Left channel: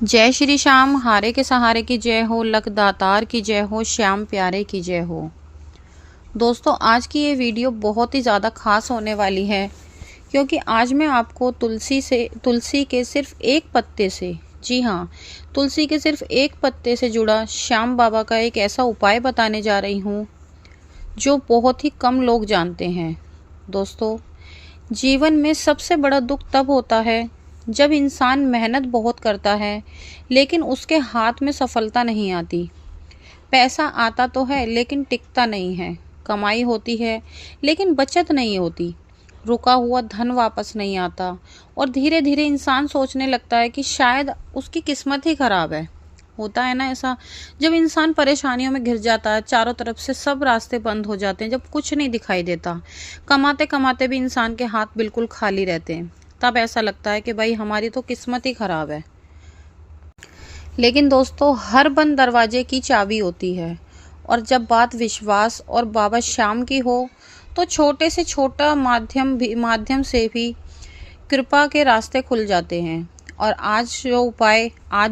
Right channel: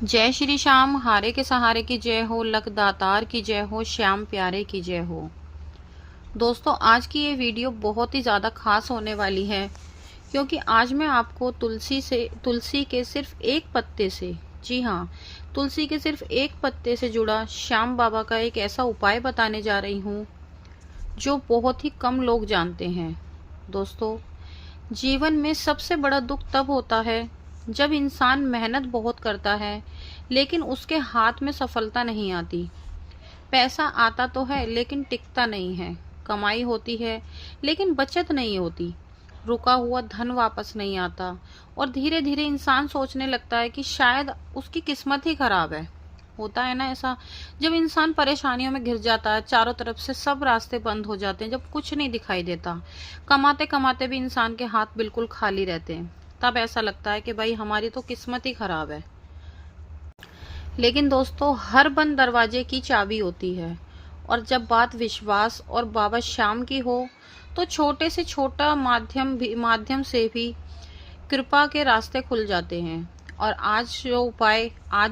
जय श्री श्याम, हारे के सहारे की जय हो, लख दातार की जय हो, श्याम प्यारे की जय हो। दोस्तों, आज की ये वीडियो बहुत ही ज़्यादा खास होने वाली है क्योंकि आज मैं आपको तुलसी के सिर्फ एक पत्ते से, जी हाँ, तुलसी के सिर्फ एक पत्ते से जुड़ा श्याम बाबा का एक ऐसा उपाय बताने जा रही हूँ जो बहुत ही कम लोग जानते हैं। दोस्तों, जीवन में सबसे बड़ा दुख तब होता है जब इंसान मेहनत बहुत करता है लेकिन उसके हाथ में सफलता नहीं आती। पैसा आता तो है लेकिन टिकता नहीं है। कमाई होती है लेकिन बचत नहीं होती। रुका हुआ धन वापस नहीं आता और धीरे धीरे इंसान सोचने लगता है कि शायद उसकी किस्मत ही खराब है। होता है ना ऐसा, जब इंसान परेशानियों में घिर जाता है, चारों तरफ से सब रास्ते बंद हो जाते हैं, जब कुछ नहीं दिखाई देता, कमाते कमाते भी इंसान के हाथ बिल्कुल खाली रहते हैं, तब ऐसा लगता है कि भाई हमारी तो किस्मत ही खराब है। लेकिन दोस्तों, हर बंद दरवाजे की चाबी होती है और जब बात विश्वास और बाबा श्याम की हो तो छोटे से छोटा माध्यम से भी कृपा के रास्ते खुल जाते हैं। और आज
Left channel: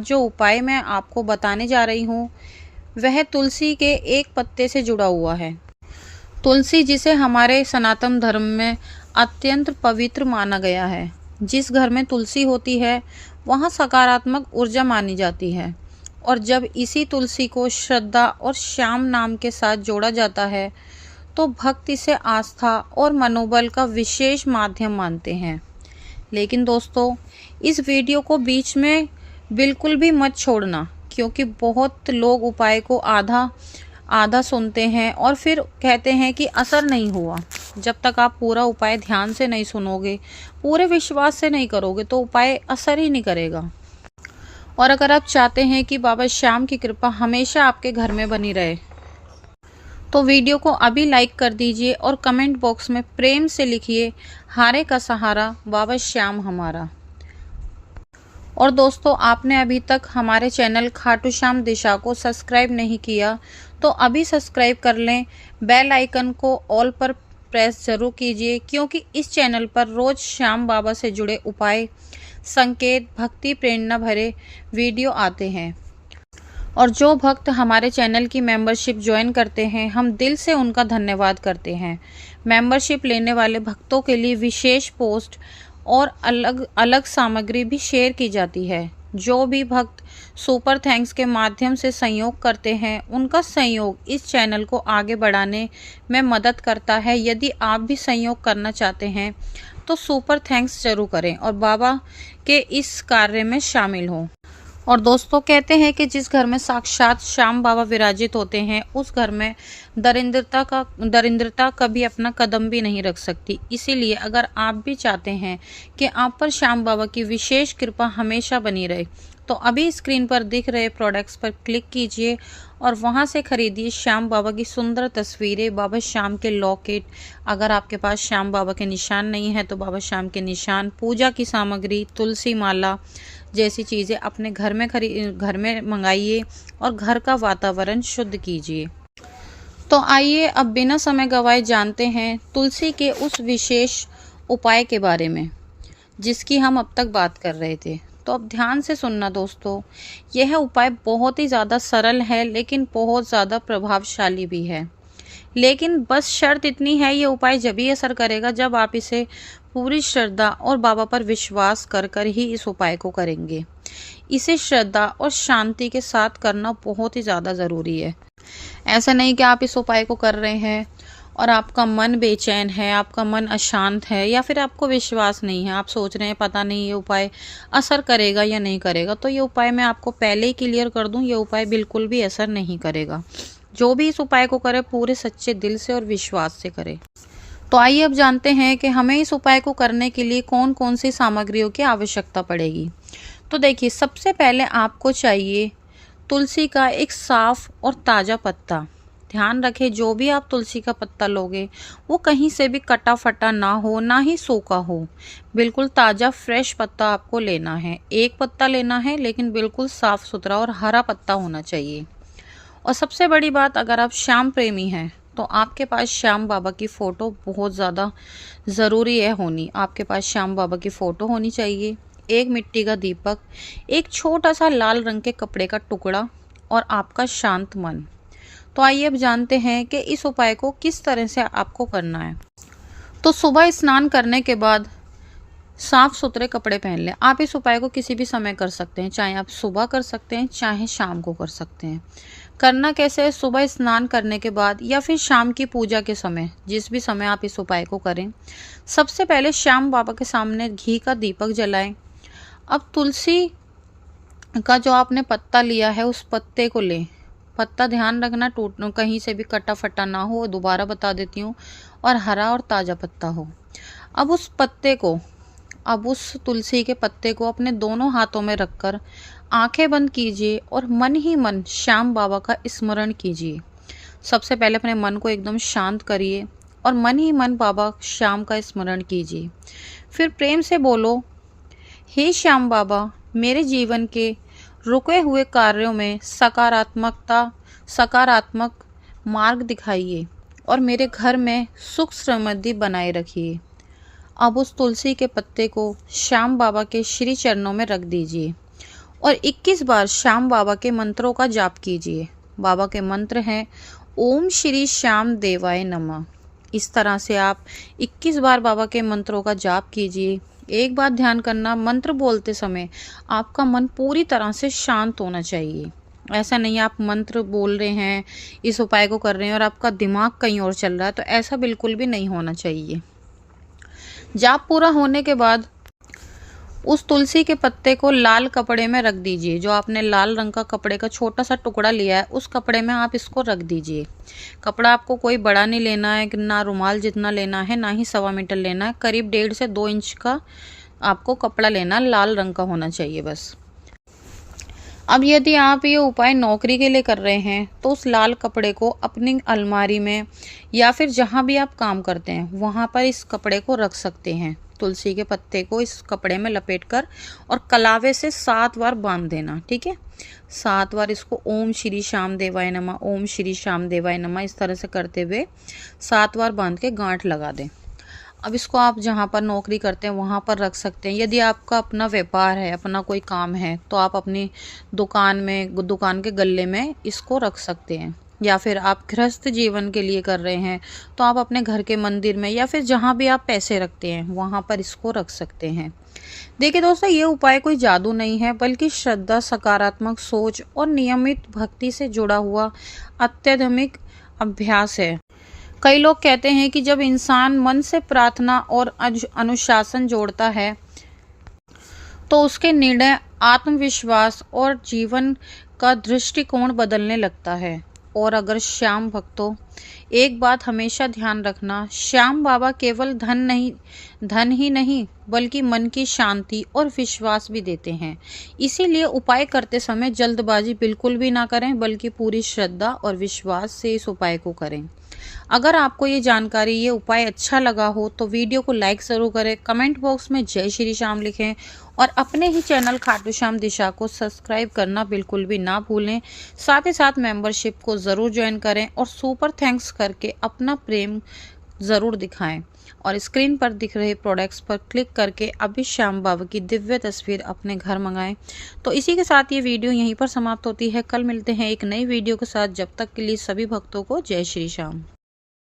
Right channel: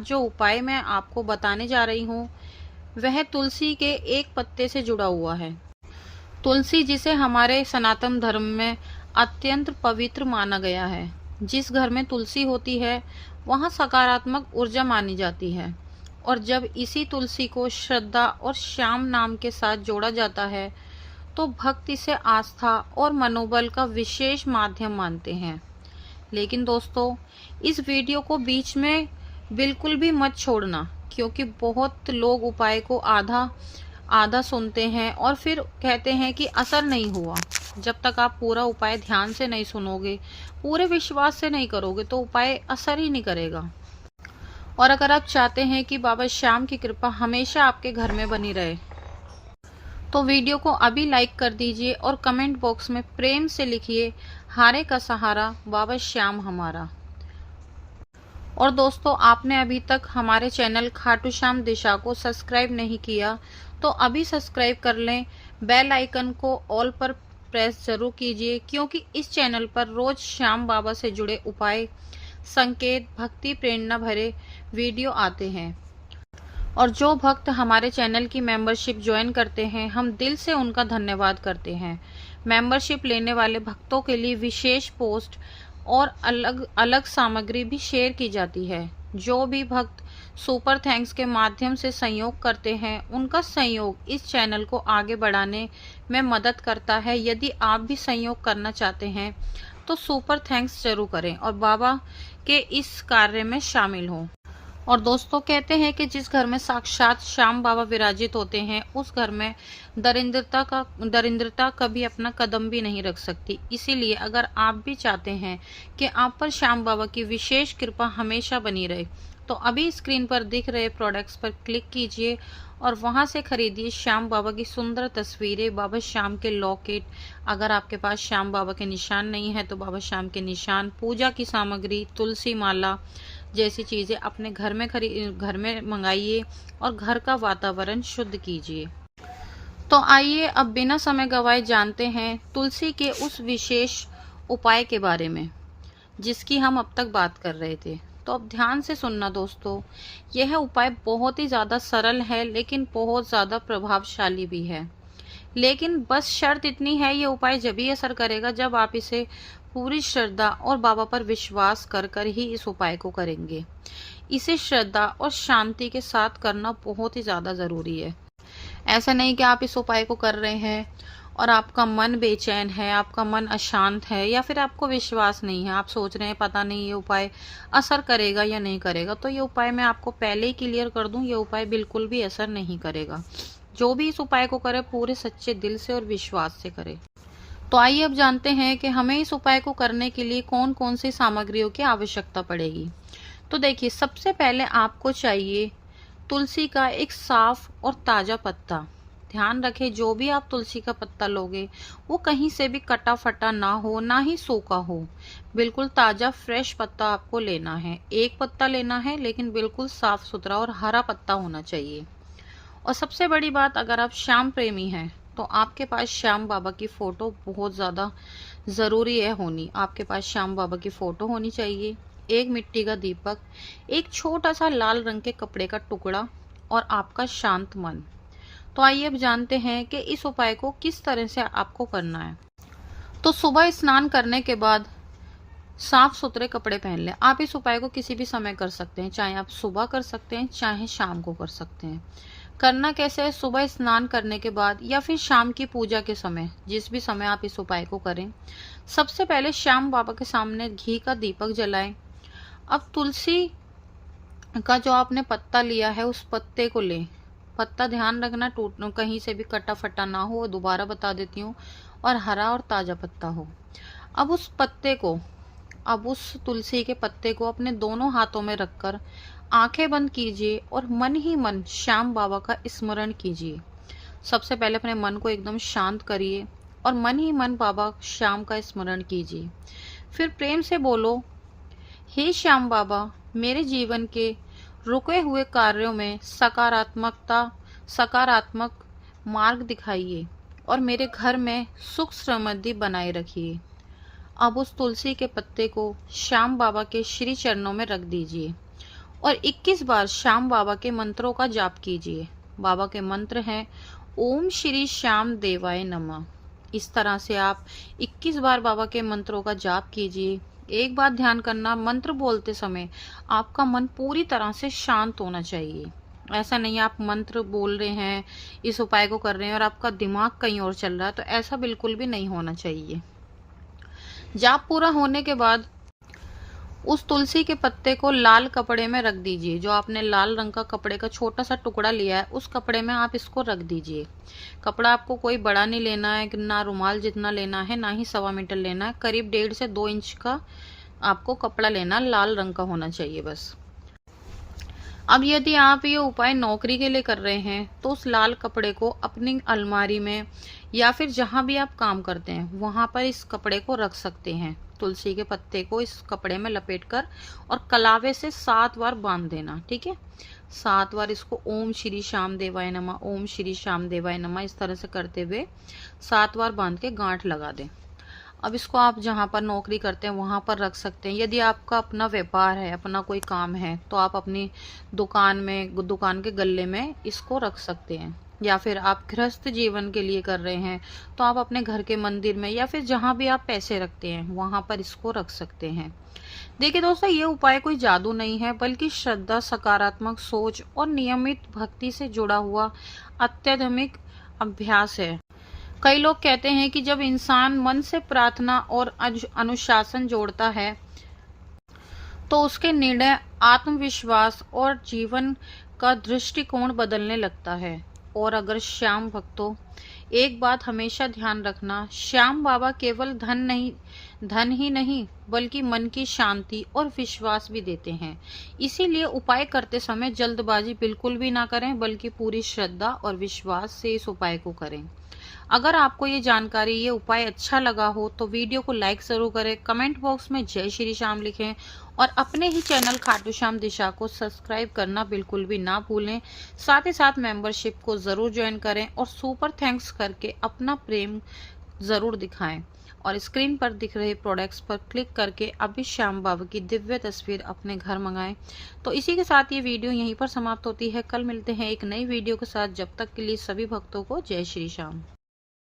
जो उपाय मैं आपको बताने जा रही हूँ वह तुलसी के एक पत्ते से जुड़ा हुआ है। तुलसी, जिसे हमारे सनातन धर्म में अत्यंत पवित्र माना गया है। जिस घर में तुलसी होती है वहाँ सकारात्मक ऊर्जा मानी जाती है और जब इसी तुलसी को श्रद्धा और श्याम नाम के साथ जोड़ा जाता है तो भक्त इसे आस्था और मनोबल का विशेष माध्यम मानते हैं। लेकिन दोस्तों, इस वीडियो को बीच में बिल्कुल भी मत छोड़ना क्योंकि बहुत लोग उपाय को आधा आधा सुनते हैं और फिर कहते हैं कि असर नहीं हुआ। जब तक आप पूरा उपाय ध्यान से नहीं सुनोगे, पूरे विश्वास से नहीं करोगे तो उपाय असर ही नहीं करेगा। और अगर आप चाहते हैं कि बाबा श्याम की कृपा हमेशा आपके घर में बनी रहे तो वीडियो को अभी लाइक कर दीजिए और कमेंट बॉक्स में प्रेम से लिखिए, हारे का सहारा बाबा श्याम हमारा। और दोस्तों, आपने अभी तक हमारे चैनल खाटू श्याम दिशा को सब्सक्राइब नहीं किया तो अभी सब्सक्राइब कर लें। बेल आइकन को ऑल पर प्रेस जरूर कीजिए क्योंकि इस चैनल पर रोज श्याम बाबा से जुड़े उपाय, संकेत, भक्ति प्रेरणा भरे वीडियो आते हैं। और जो भक्त हमारे चैनल की मेंबरशिप ज्वाइन करते हैं, हम दिल से उनका धन्यवाद करते हैं। मेंबरशिप लेने वाले भक्तों के लिए विशेष पोस्ट और अलग अलग सामग्री भी शेयर की जाती है। जो भी भक्त सुपर थैंक्स के माध्यम से सहयोग करते हैं, उनका सहयोग इस चैनल को आगे बढ़ाने में मदद करता है। यदि आप भी सहयोग करना चाहते हैं तो सुपर थैंक्स जरूर करें और बाबा के इस कार्य में शामिल हों। और दोस्तों, कहते हैं कि जिस घर में साक्षात श्याम बाबा विराजित होते हैं उस घर में दरिद्रता कभी अपना कदम भी नहीं रख सकती। इसीलिए अगर आप भी चाहते हैं कि आप पर श्याम बाबा की विशेष कृपा हमेशा बनी रहे तो अभी स्क्रीन पर दिख रहे प्रोडक्ट्स पर क्लिक कीजिए और वहां से खरीदिए श्याम बाबा की सुंदर तस्वीरें, बाबा श्याम के लॉकेट। अगर आपके पास श्याम बाबा के निशान नहीं है तो बाबा श्याम के निशान, पूजा की सामग्री, तुलसी माला जैसी चीज़ें अपने घर में मंगाइए और घर का वातावरण शुद्ध कीजिए। तो आइए अब बिना समय गवाए जानते हैं तुलसी के उस विशेष उपाय के बारे में जिसकी हम अब तक बात कर रहे थे। तो अब ध्यान से सुनना दोस्तों, यह उपाय बहुत ही ज़्यादा सरल है लेकिन बहुत ज़्यादा प्रभावशाली भी है। लेकिन बस शर्त इतनी है, ये उपाय जब ही असर करेगा जब आप इसे पूरी श्रद्धा और बाबा पर विश्वास कर कर ही इस उपाय को करेंगे। इसे श्रद्धा और शांति के साथ करना बहुत ही ज़्यादा ज़रूरी है। ऐसा नहीं कि आप इस उपाय को कर रहे हैं और आपका मन बेचैन है, आपका मन अशांत है या फिर आपको विश्वास नहीं है, आप सोच रहे हैं पता नहीं ये उपाय असर करेगा या नहीं करेगा। तो ये उपाय मैं आपको पहले ही क्लियर कर दूं, ये उपाय बिल्कुल भी असर नहीं करेगा। जो भी इस उपाय को करे पूरे सच्चे दिल से और विश्वास से करे। तो आइए अब जानते हैं कि हमें इस उपाय को करने के लिए कौन कौन सी सामग्रियों की आवश्यकता पड़ेगी। तो देखिए, सबसे पहले आपको चाहिए तुलसी का एक साफ और ताज़ा पत्ता। ध्यान रखें, जो भी आप तुलसी का पत्ता लोगे वो कहीं से भी कटा फटा ना हो, ना ही सूखा हो। बिल्कुल ताज़ा फ्रेश पत्ता आपको लेना है। एक पत्ता लेना है लेकिन बिल्कुल साफ सुथरा और हरा पत्ता होना चाहिए। और सबसे बड़ी बात, अगर आप श्याम प्रेमी हैं तो आपके पास श्याम बाबा की फ़ोटो बहुत ज़्यादा ज़रूरी है होनी। आपके पास श्याम बाबा की फ़ोटो होनी चाहिए। एक मिट्टी का दीपक, एक छोटा सा लाल रंग के कपड़े का टुकड़ा और आपका शांत मन। तो आइए अब जानते हैं कि इस उपाय को किस तरह से आपको करना है। तो सुबह स्नान करने के बाद साफ सुथरे कपड़े पहन लें। आप इस उपाय को किसी भी समय कर सकते हैं, चाहे आप सुबह कर सकते हैं चाहे शाम को कर सकते हैं। करना कैसे है, सुबह स्नान करने के बाद या फिर शाम की पूजा के समय, जिस भी समय आप इस उपाय को करें, सबसे पहले श्याम बाबा के सामने घी का दीपक जलाएं। अब तुलसी का जो आपने पत्ता लिया है उस पत्ते को लें। पत्ता ध्यान रखना टूट कहीं से भी कटा फटा ना हो, दोबारा बता देती हूँ, और हरा और ताज़ा पत्ता हो। अब उस तुलसी के पत्ते को अपने दोनों हाथों में रखकर आंखें बंद कीजिए और मन ही मन श्याम बाबा का स्मरण कीजिए। सबसे पहले अपने मन को एकदम शांत करिए और मन ही मन बाबा श्याम का स्मरण कीजिए। फिर प्रेम से बोलो, हे श्याम बाबा, मेरे जीवन के रुके हुए कार्यों में सकारात्मक मार्ग दिखाइए और मेरे घर में सुख समृद्धि बनाए रखिए। अब उस तुलसी के पत्ते को श्याम बाबा के श्री चरणों में रख दीजिए और 21 बार श्याम बाबा के मंत्रों का जाप कीजिए। बाबा के मंत्र हैं ओम श्री श्याम देवाय नमः। इस तरह से आप 21 बार बाबा के मंत्रों का जाप कीजिए। एक बात ध्यान करना, मंत्र बोलते समय आपका मन पूरी तरह से शांत होना चाहिए। ऐसा नहीं आप मंत्र बोल रहे हैं, इस उपाय को कर रहे हैं और आपका दिमाग कहीं और चल रहा है, तो ऐसा बिल्कुल भी नहीं होना चाहिए। जाप पूरा होने के बाद उस तुलसी के पत्ते को लाल कपड़े में रख दीजिए। जो आपने लाल रंग का कपड़े का छोटा सा टुकड़ा लिया है उस कपड़े में आप इसको रख दीजिए। कपड़ा आपको कोई बड़ा नहीं लेना है, ना रुमाल जितना लेना है, ना ही 1.25 मीटर लेना है। करीब 1.5 से 2 इंच का आपको कपड़ा लेना, लाल रंग का होना चाहिए बस। अब यदि आप ये उपाय नौकरी के लिए कर रहे हैं तो उस लाल कपड़े को अपनी अलमारी में या फिर जहाँ भी आप काम करते हैं वहाँ पर इस कपड़े को रख सकते हैं। तुलसी के पत्ते को इस कपड़े में लपेटकर और कलावे से 7 बार बांध देना, ठीक है। 7 बार इसको ओम श्री श्याम देवाय नमः, ओम श्री श्याम देवाय नमः इस तरह से करते हुए 7 बार बांध के गांठ लगा दें। अब इसको आप जहाँ पर नौकरी करते हैं वहाँ पर रख सकते हैं। यदि आपका अपना व्यापार है, अपना कोई काम है, तो आप अपनी दुकान के गल्ले में इसको रख सकते हैं। या फिर आप गृहस्थ जीवन के लिए कर रहे हैं तो आप अपने घर के मंदिर में या फिर जहाँ भी आप पैसे रखते हैं वहाँ पर इसको रख सकते हैं। देखिए दोस्तों, ये उपाय कोई जादू नहीं है, बल्कि श्रद्धा, सकारात्मक सोच और नियमित भक्ति से जुड़ा हुआ अत्याधुनिक अभ्यास है। कई लोग कहते हैं कि जब इंसान मन से प्रार्थना और अनुशासन जोड़ता है तो उसके निर्णय, आत्मविश्वास और जीवन का दृष्टिकोण बदलने लगता है। और अगर श्याम भक्तों, एक बात हमेशा ध्यान रखना, श्याम बाबा केवल धन ही नहीं बल्कि मन की शांति और विश्वास भी देते हैं। इसीलिए उपाय करते समय जल्दबाजी बिल्कुल भी ना करें, बल्कि पूरी श्रद्धा और विश्वास से इस उपाय को करें। अगर आपको ये जानकारी, ये उपाय अच्छा लगा हो तो वीडियो को लाइक ज़रूर करें, कमेंट बॉक्स में जय श्री श्याम लिखें और अपने ही चैनल खाटू श्याम दिशा को सब्सक्राइब करना बिल्कुल भी ना भूलें। साथ ही साथ मेंबरशिप को ज़रूर ज्वाइन करें और सुपर थैंक्स करके अपना प्रेम ज़रूर दिखाएं। और स्क्रीन पर दिख रहे प्रोडक्ट्स पर क्लिक करके अभी श्याम बाबा की दिव्य तस्वीर अपने घर मंगाएं। तो इसी के साथ ये वीडियो यहीं पर समाप्त होती है। कल मिलते हैं एक नई वीडियो के साथ। जब तक के लिए सभी भक्तों को जय श्री श्याम।